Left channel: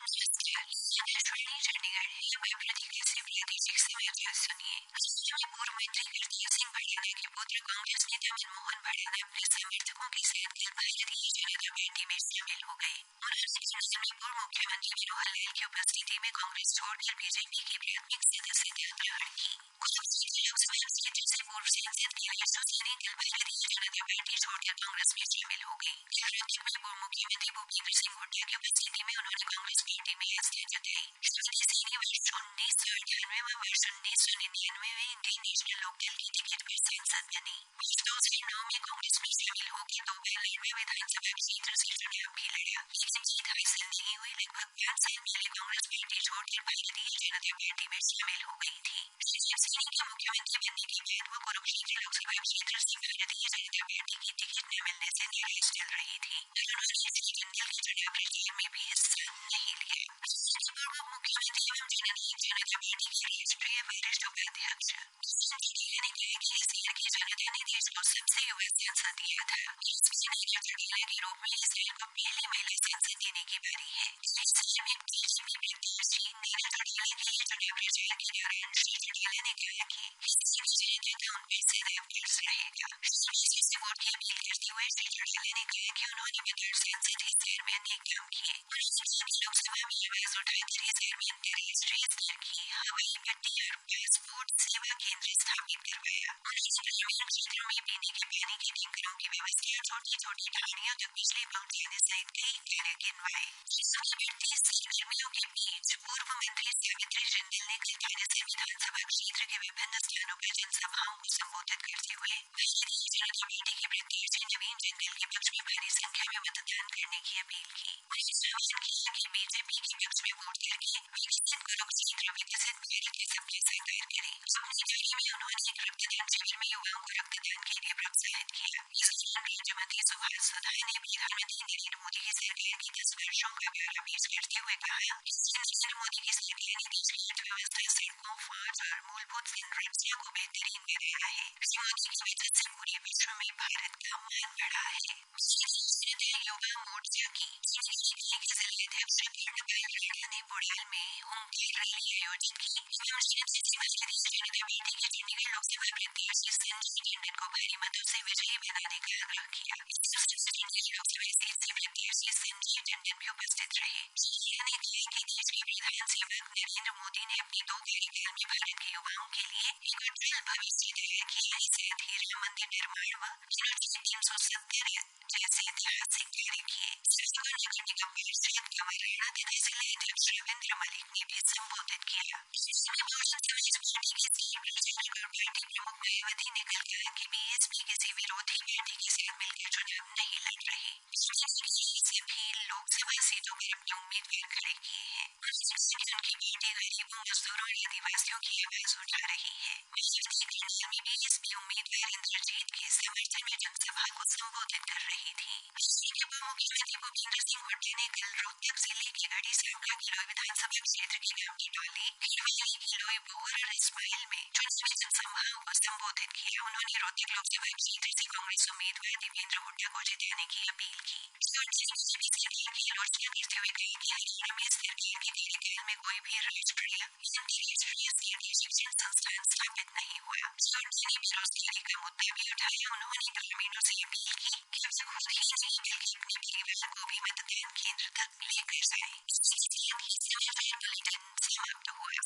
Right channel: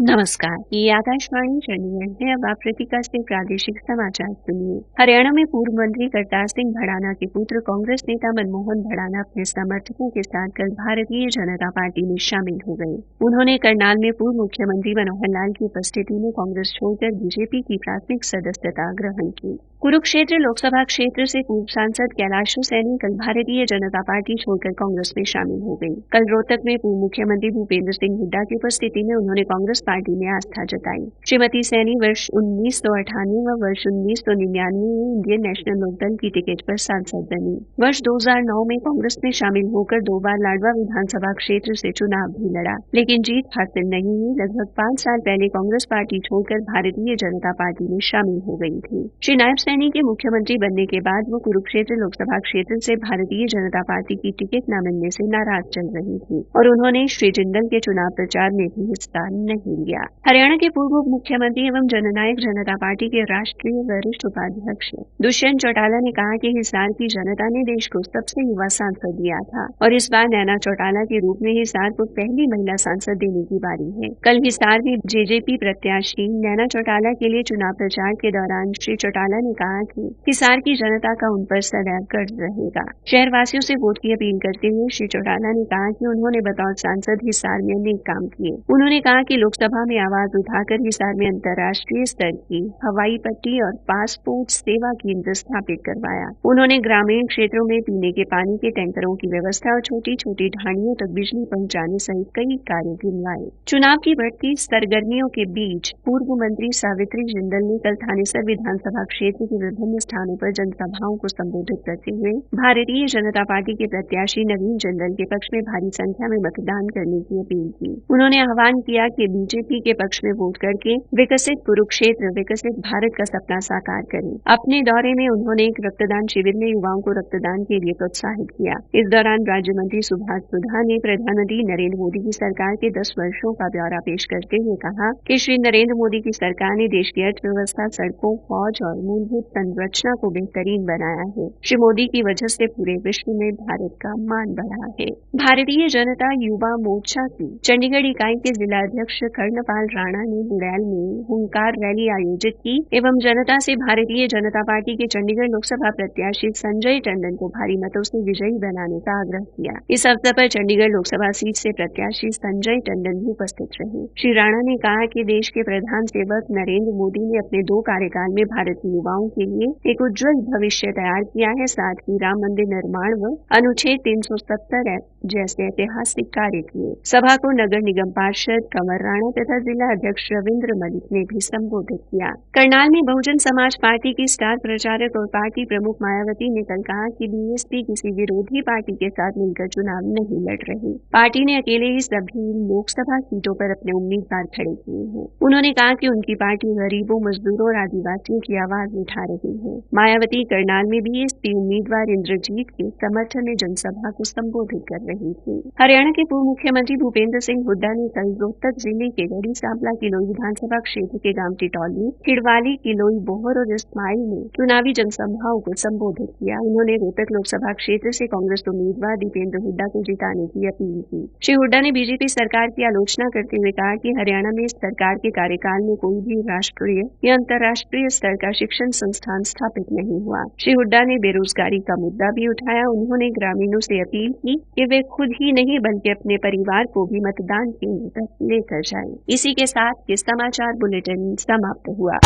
नमस्कार, ये आकाशवाणी चंडीगढ़ है। अब आप प्रतीका से प्रादेशिक समाचार सुनिए। हरियाणा में पूर्व मंत्री करतार सिंह भड़ाना के पुत्र कांग्रेस नेता मनमोहन भड़ाना अपने समर्थकों के साथ कल भारतीय जनता पार्टी में शामिल हो गए। उन्होंने करनाल में पूर्व मुख्यमंत्री मनोहर लाल की उपस्थिति में कांग्रेस छोड़कर बीजेपी की प्राथमिक सदस्यता ग्रहण की। कुरुक्षेत्र लोकसभा क्षेत्र से पूर्व सांसद कैलाशो सैनी कल भारतीय जनता पार्टी छोड़कर कांग्रेस में शामिल हो गई। कल रोहतक में पूर्व मुख्यमंत्री भूपेंद्र सिंह हुड्डा की उपस्थिति में उन्होंने कांग्रेस पार्टी में आस्था जताई। श्रीमती सैनी वर्ष 1998 व वर्ष 1999 में इंडियन नेशनल लोकदल की टिकट पर सांसद बनी। वर्ष 2009 में कांग्रेस में शामिल होकर 2 बार लाडवा विधानसभा क्षेत्र से चुनाव भी लड़ा, लेकिन जीत हासिल नहीं हुई। लगभग 5 साल पहले कांग्रेस पार्टी छोड़कर भारतीय जनता पार्टी में शामिल हो गई थी। श्री नायब सैनी के मुख्यमंत्री बनने के बाद वो कुरुक्षेत्र लोकसभा क्षेत्र से भारतीय जनता पार्टी की टिकट न मिलने से नाराज चल रही थी और उन्होंने श्री जिंदल के चुनाव प्रचार में भी हिस्सा नहीं लिया। हरियाणा के पूर्व मुख्यमंत्री एवं जननायक जनता पार्टी के राष्ट्रीय वरिष्ठ उपाध्यक्ष दुष्यंत चौटाला ने कहा कि हिसार की जनता ने देश को सबसे युवा सांसद दिया था और इस बार नैना चौटाला के रूप में हिसार को पहली महिला सांसद देने की बारी है। कल हिसार में जेजेपी प्रत्याशी नैना चौटाला के लिए चुनाव प्रचार के दौरान श्री चौटाला ने कहा कि हिसार की जनता का उन पर सदैव कर्ज रहेगा। शहरवासियों से वोट की अपील करते हुए श्री चौटाला ने कहा कि उन्होंने बतौर सांसद हिसार में अनेक काम किए। उन्होंने कहा कि लोकसभा में आवाज उठाकर हिसार में अंतर्राष्ट्रीय स्तर की हवाई पट्टी और पासपोर्ट सेवा केंद्र स्थापित करवाया। उन्होंने ग्रामीण क्षेत्रों में पीने के पानी के टैंकरों की व्यवस्था और छोटी छोटी ढाणियों तक बिजली पहुंचाने सहित कई कार्य गिनवाए। चुनाव की बढ़ती सरगर्मियों के बीच पूर्व मंत्री सावित्री जिंदल ने कल थानेसर विधानसभा क्षेत्र के विभिन्न स्थानों पर जनसभाओं को संबोधित करते हुए भारतीय जनता पार्टी के प्रत्याशी नवीन जिंदल के पक्ष में भारी संख्या में मतदान करने की अपील की। उन्होंने आह्वान किया कि बीजेपी के पक्ष में वोट करके विकसित कुरुक्षेत्र, विकसित भारत का सपना साकार करें। अपने दौरे में उन्होंने एक रक्तदान शिविर में युवाओं को रक्तदान के लिए प्रोत्साहित किया। इस दौरान राज्य मंत्री सुभाष सुधा ने प्रधानमंत्री नरेंद्र मोदी की सरकार के 10 वर्षों का ब्यौरा पेश करते हुए कहा कि श्री नरेंद्र मोदी की सरकार ने देश की अर्थव्यवस्था, सड़कों, फौज और मूलभूत संरचना को बेहतरीन बनाया है। श्री मोदी की वजह से पूरे विश्व में भारत का मान बढ़ा है। भारतीय जनता युवा मोर्चा की चंडीगढ़ इकाई के जिला अध्यक्ष कर्णपाल राणा ने बुड़ैल में हुंकार रैली आयोजित की एवं जनता से भारतीय जनता पार्टी के चंडीगढ़ लोकसभा प्रत्याशी संजय टंडन को भारी मतों से विजयी बनाने का आग्रह किया। इस अवसर पर चंडीगढ़ लोकसभा सीट से प्रत्याशी संजय टंडन भी उपस्थित रहे। श्री राणा ने कहा कि देश के प्रधान सेवक नरेंद्र मोदी ने अपने 2 कार्यकाल में भारत के युवाओं के लिए एक उज्जवल भविष्य तैयार किया है। साथ ही राम मंदिर निर्माण व अनुच्छेद 370 जैसे ऐतिहासिक कार्य किए। सभा को नगर निगम पार्षद कंवर राणा तथा जिला अध्यक्ष रविंद्र मलिक ने भी संबोधित किया। करनाल में बहुजन समाज पार्टी की स्टार प्रचारक और पार्टी प्रमुख मायावती ने कल कहा कि बीएसपी किसी विरोधी पार्टी के साथ मिलकर चुनाव नहीं लड़ रही। पार्टी ने अकेले ही सभी लोकसभा सीटों पर अपने उम्मीदवार खड़े किए हैं। उन्होंने कहा कि उनकी पार्टी गरीबों, मजदूरों और आदिवासियों की आवाज उठा रही है। मायावती करनाल में बीएसपी उम्मीदवार इंद्रजीत के समर्थन में जनसभा को संबोधित कर रही थी। हरियाणा के पूर्व मुख्यमंत्री भूपेंद्र सिंह हुड्डा ने कल रोहतक जिले के गढ़ी सांपला किलोई विधानसभा क्षेत्र के गांव टिटौली, खिड़वाली, किलोई, बोहर और इस्माइल में चुनावी जनसभाओं को संबोधित किया। उन्होंने रोहतक लोकसभा क्षेत्र से कांग्रेस उम्मीदवार दीपेंद्र हुड्डा को जिताने की अपील की। श्री हुड्डा ने बीजेपी सरकार की आलोचना करते हुए कहा कि हरियाणा में इस सरकार के कार्यकाल में कोई भी राष्ट्रीय या अंतर्राष्ट्रीय स्तर का शिक्षण संस्थान स्थापित नहीं हुआ। श्री हुड्डा ने बेरोजगारी का मुद्दा भी उठाया। उन्होंने ग्रामीणों से अपील की कि वे खुद ही नहीं बल्कि अपने परिवार को भी मतदान केंद्र तक लेकर जाएं। इसी के साथ ये समाचार बुलेटिन समाप्त हुआ।